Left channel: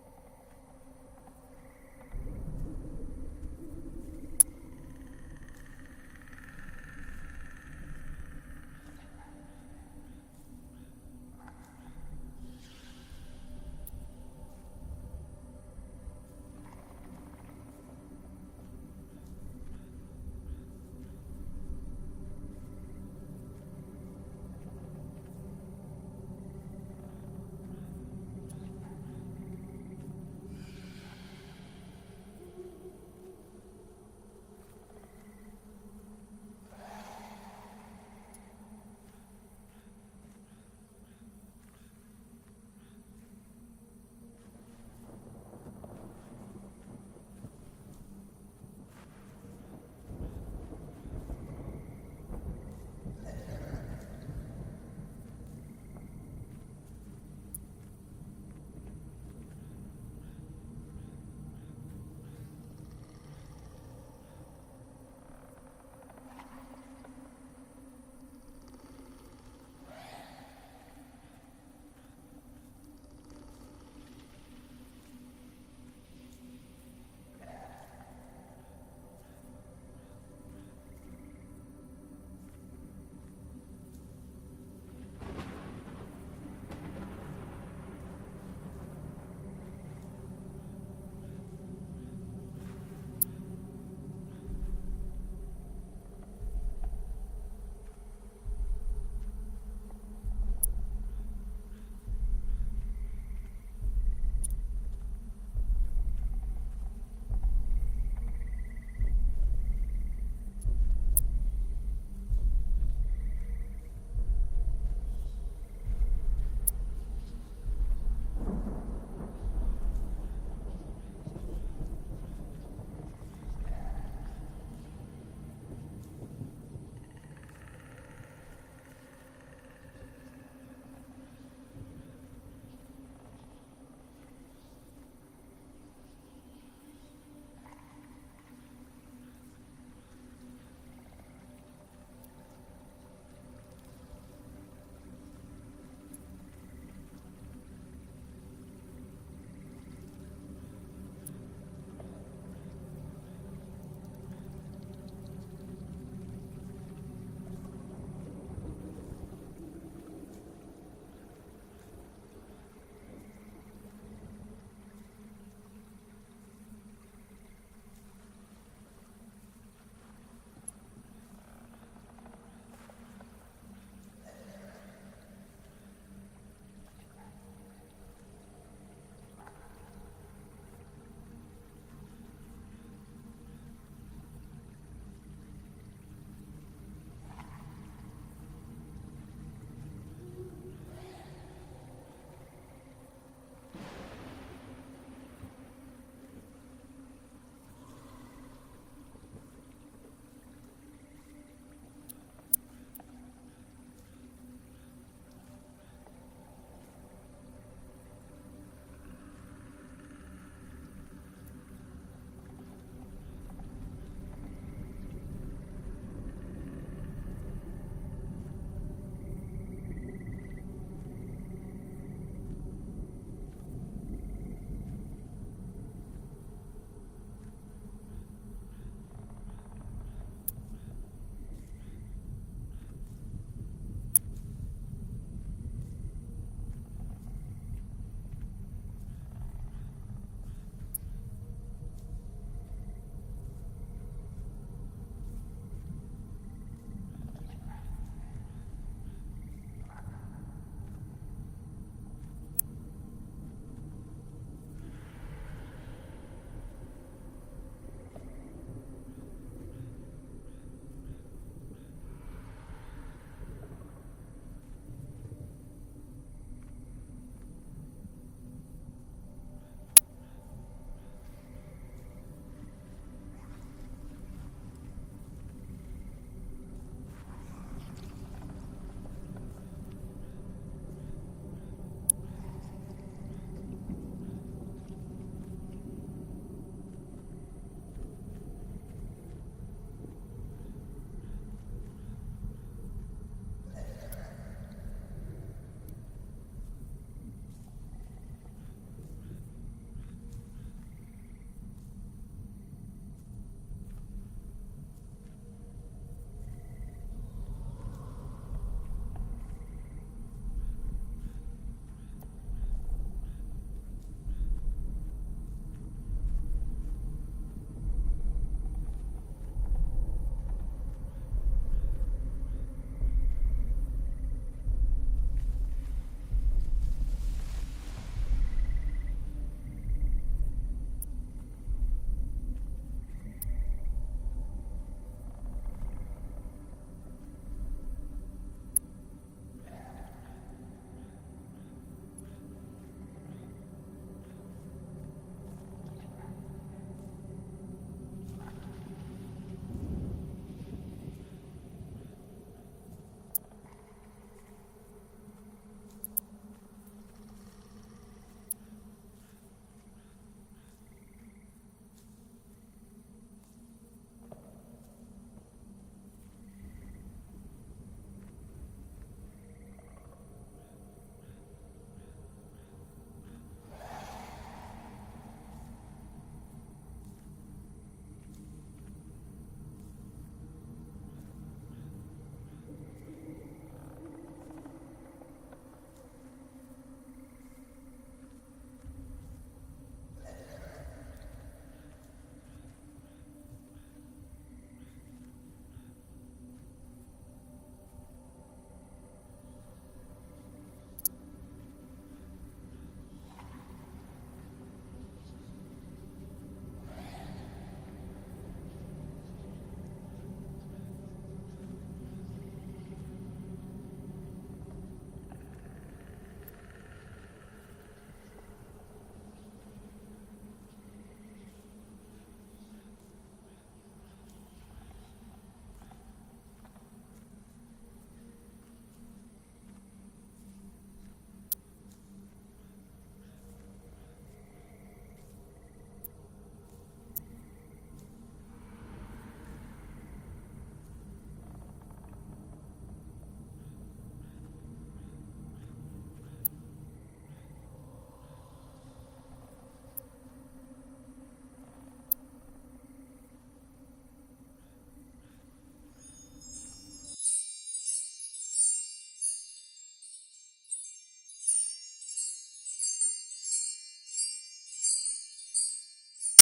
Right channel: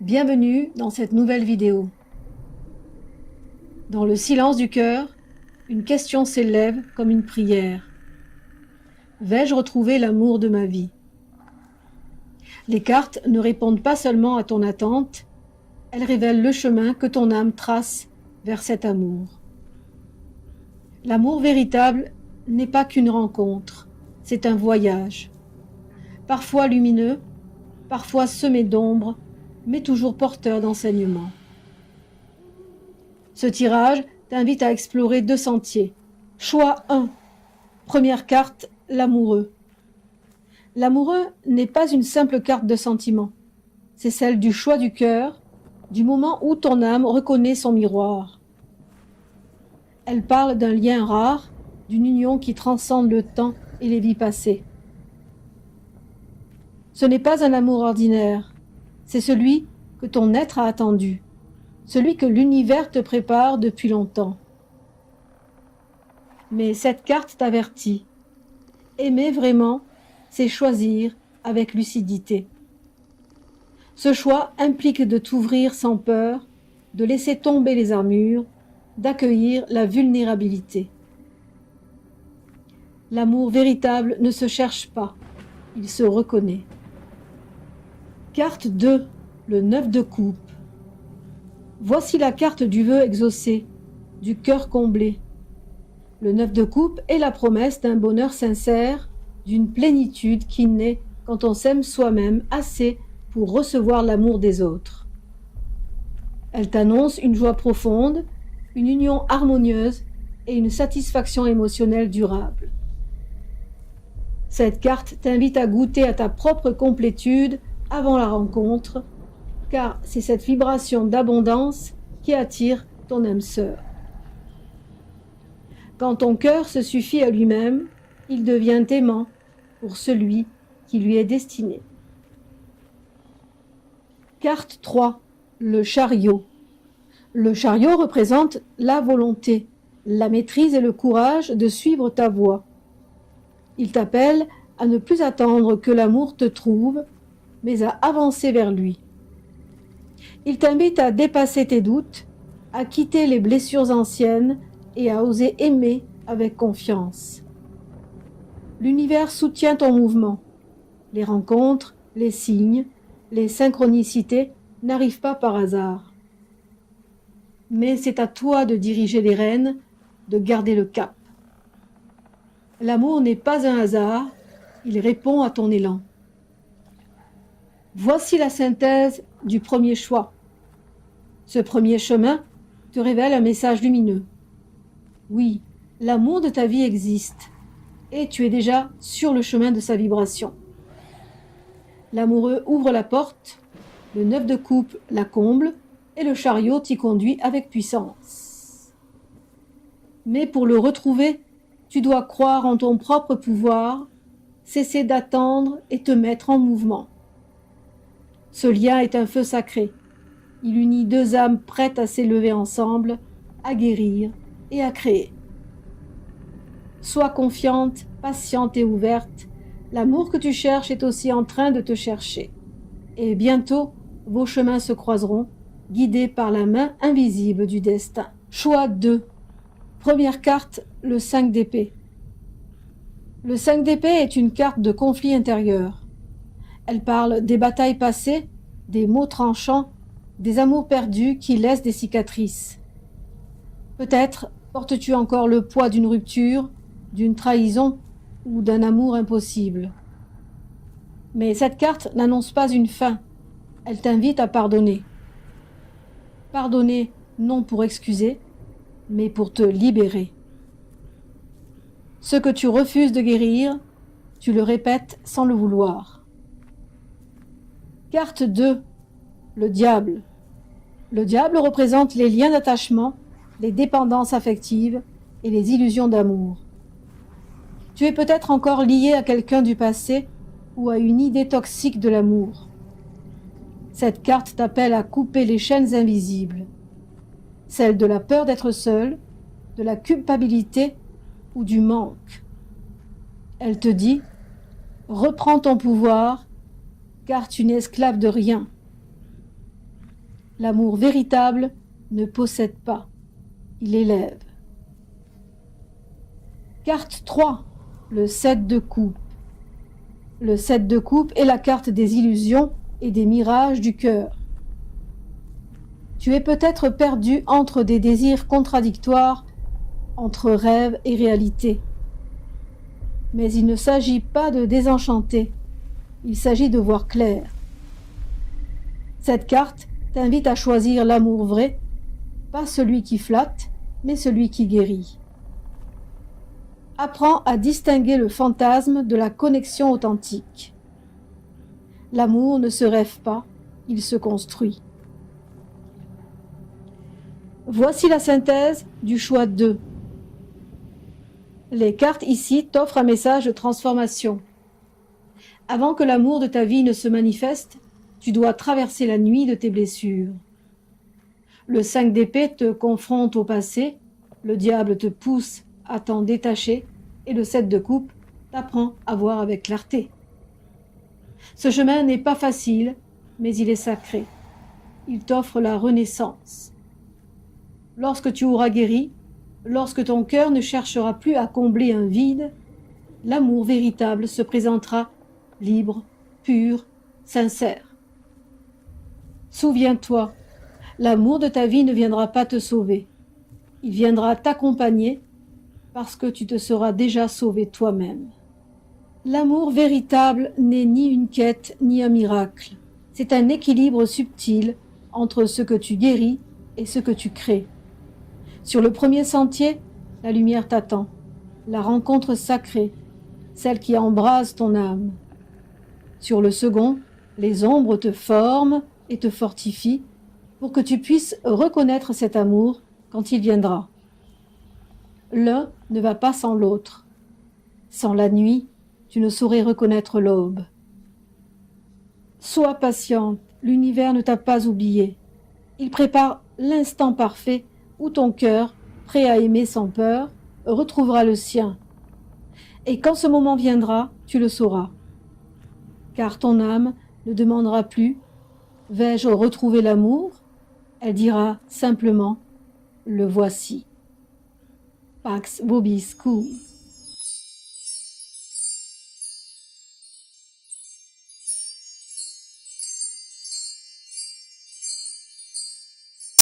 Bienvenue dans cette nouvelle vidéo. Dans le silence du cœur, une question s'élève comme une prière. Vais-je retrouver l'amour de ma vie? Les cartes ne répondent pas seulement à ton attente, elles révèlent le chemin que ton âme trace vers cet amour. L'amour véritable n'est pas qu'une rencontre, c'est un voyage. Parfois lumineux, parfois semé d'ombre, mais toujours porteur d'enseignements. Ce tirage t'invite à explorer 2 sentiers. Choix 1. Première carte, l'amoureux. L'amoureux n'est pas une simple carte de sentiment. C'est celle du choix du cœur, du moment où ton âme reconnaît son miroir. Elle parle d'un lien rare, d'une union qui transcende le temps et les vies passées. Ce n'est pas un amour ordinaire, c'est celui que ton être a attendu, celui que l'univers te prépare depuis longtemps. Mais cette carte t'avertit. Aimer vraiment, c'est choisir avec lucidité. Ce choix implique de t'ouvrir sans peur, de laisser tomber les armures, d'accueillir la vulnérabilité. L'amour véritable ne se cherche pas, il se reconnaît. Carte 2, le 9 de coupe. Voici la carte du vœu exaucé, du cœur comblé. Le 9 de coupe est la promesse d'un bonheur sincère, d'une plénitude qui naît quand on s'aime soi-même assez pour recevoir l'amour des autres. Elle t'annonce une joie profonde, une union harmonieuse et une satisfaction émotionnelle durable. Cette carte t'invite à goûter à ta propre complétude avant la rencontre, car c'est cette vibration d'abondance qui attire ton âme sœur. Quand ton cœur se suffit à lui-même, il devient aimant pour celui qui lui est destiné. Carte 3, le chariot. Le chariot représente la volonté, la maîtrise et le courage de suivre ta voie. Il t'appelle à ne plus attendre que l'amour te trouve, mais à avancer vers lui. Il t'invite à dépasser tes doutes, à quitter les blessures anciennes et à oser aimer avec confiance. L'univers soutient ton mouvement. Les rencontres, les signes, les synchronicités n'arrivent pas par hasard. Mais c'est à toi de diriger les rênes, de garder le cap. L'amour n'est pas un hasard, il répond à ton élan. Voici la synthèse du premier choix. Ce premier chemin te révèle un message lumineux. Oui, l'amour de ta vie existe, et tu es déjà sur le chemin de sa vibration. L'amoureux ouvre la porte, le 9 de coupe la comble, et le chariot t'y conduit avec puissance. Mais pour le retrouver, tu dois croire en ton propre pouvoir, cesser d'attendre et te mettre en mouvement. Ce lien est un feu sacré. Il unit 2 âmes prêtes à s'élever ensemble, à guérir et à créer. Sois confiante, patiente et ouverte. L'amour que tu cherches est aussi en train de te chercher. Et bientôt, vos chemins se croiseront, guidés par la main invisible du destin. Choix 2. Première carte, le 5 d'épée. Le 5 d'épée est une carte de conflit intérieur. Elle parle des batailles passées, des mots tranchants, des amours perdus qui laissent des cicatrices. Peut-être portes-tu encore le poids d'une rupture, d'une trahison ou d'un amour impossible. Mais cette carte n'annonce pas une fin, elle t'invite à pardonner. Pardonner non pour excuser, mais pour te libérer. Ce que tu refuses de guérir, tu le répètes sans le vouloir. Carte 2, le diable. Le diable représente les liens d'attachement, les dépendances affectives et les illusions d'amour. Tu es peut-être encore lié à quelqu'un du passé ou à une idée toxique de l'amour. Cette carte t'appelle à couper les chaînes invisibles, celles de la peur d'être seul, de la culpabilité ou du manque. Elle te dit « Reprends ton pouvoir, car tu n'es esclave de rien. » L'amour véritable ne possède pas, il élève. Carte 3, le 7 de coupe. Le 7 de coupe est la carte des illusions et des mirages du cœur. Tu es peut-être perdu entre des désirs contradictoires, entre rêve et réalité. Mais il ne s'agit pas de désenchanter, il s'agit de voir clair. Cette carte t'invite à choisir l'amour vrai, pas celui qui flatte, mais celui qui guérit. Apprends à distinguer le fantasme de la connexion authentique. L'amour ne se rêve pas, il se construit. Voici la synthèse du choix 2. Les cartes ici t'offrent un message de transformation. Avant que l'amour de ta vie ne se manifeste, tu dois traverser la nuit de tes blessures. Le 5 d'épée te confronte au passé, le diable te pousse à t'en détacher et le 7 de coupe t'apprend à voir avec clarté. Ce chemin n'est pas facile, mais il est sacré. Il t'offre la renaissance. Lorsque tu auras guéri, lorsque ton cœur ne cherchera plus à combler un vide, l'amour véritable se présentera libre, pur, sincère. Souviens-toi, l'amour de ta vie ne viendra pas te sauver. Il viendra t'accompagner parce que tu te seras déjà sauvé toi-même. L'amour véritable n'est ni une quête ni un miracle. C'est un équilibre subtil entre ce que tu guéris et ce que tu crées. Sur le premier sentier, la lumière t'attend, la rencontre sacrée, celle qui embrase ton âme. Sur le second, les ombres te forment et te fortifient pour que tu puisses reconnaître cet amour quand il viendra. L'un ne va pas sans l'autre. Sans la nuit, tu ne saurais reconnaître l'aube. Sois patient, l'univers ne t'a pas oublié. Il prépare l'instant parfait où ton cœur, prêt à aimer sans peur, retrouvera le sien. Et quand ce moment viendra, tu le sauras. Car ton âme ne demandera plus « Vais-je retrouver l'amour ?» Elle dira simplement « Le voici ». Pax vobiscum.